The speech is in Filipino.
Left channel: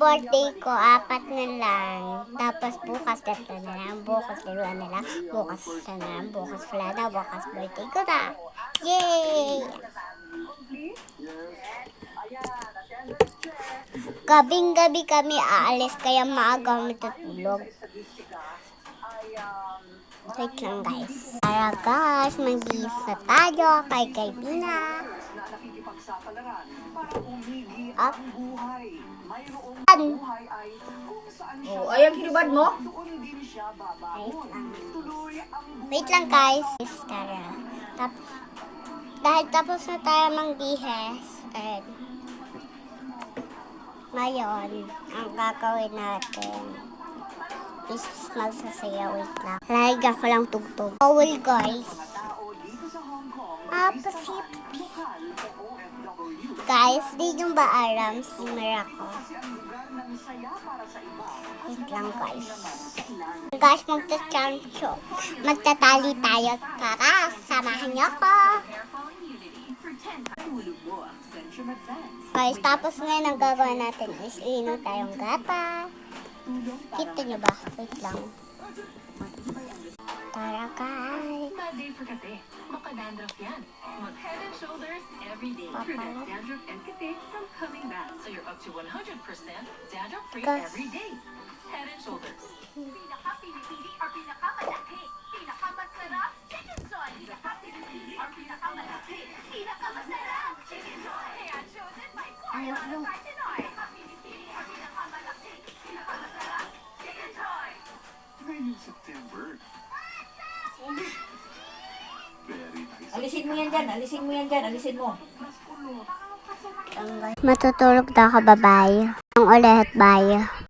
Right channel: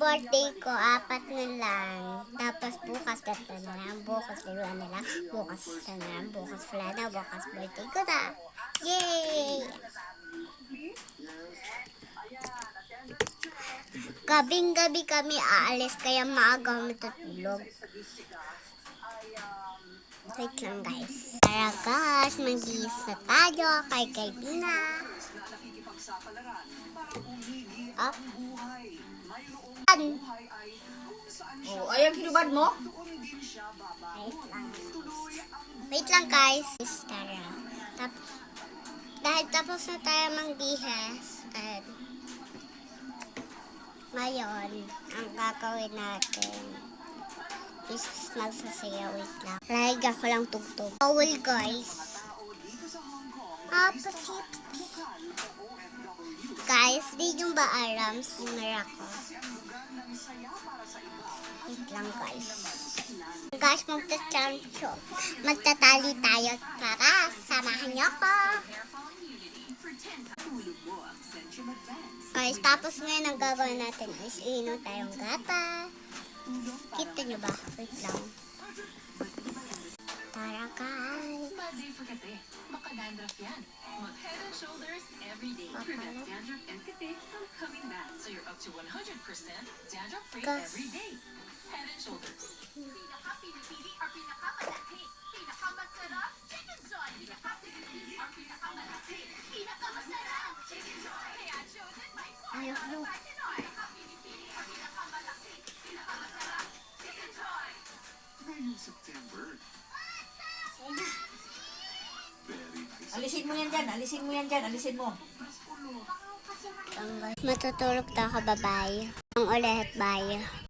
birthday ko, 4 na lang. Tapos bukas, 3 na lang. Bukas, 2 na lang. Bukas, na lang. Bukas, wala na. Bukas, birthday ko na. Yay! Gabing-gabi kami aalis, kaya maaga matutulog. Wait lang guys. Tara guys, mag-iisa tayo kay Pina. Up. Oh, ay, ang kinubad mo? Wait lang guys. Tara. Dahil tapos na tayo mang-dihes. Ngayon, ang gagawin natin is magsasayaw. Wait lang. Lalagyan ko lang tugtog. Bawal guys. Guys, di nyo ba alam si Marako? Wait lang guys. Guys, magtatali tayo. Tara, samahan nyo ko. Guys, tapos ngayon ang gagawin natin is inom tayong gata. Kita nyo ba? Wait lang. Tara guys. Dandruff yan. Mag Head and Shoulders every day. Prevent dandruff and kate from coming back. So you're up to 100% dandruff free every day. Head and Shoulders. Pinaka-pinipili or pinakamalaki. Pinakamasarap, Chicken Joy. Pinaka-pinipili or pinakamalaki. Pinakamasarap, Chicken Joy. Kaya chosen my formula, Martinoy. Pinaka-pinipili or pinakamalaki. Pinakamasarap, Chicken Joy. Ngayong September. Alisin mo yan dyan, alisin mo yan dyan, alisin mo. Matutulog na ako, bye-bye. Ang ulit, bye.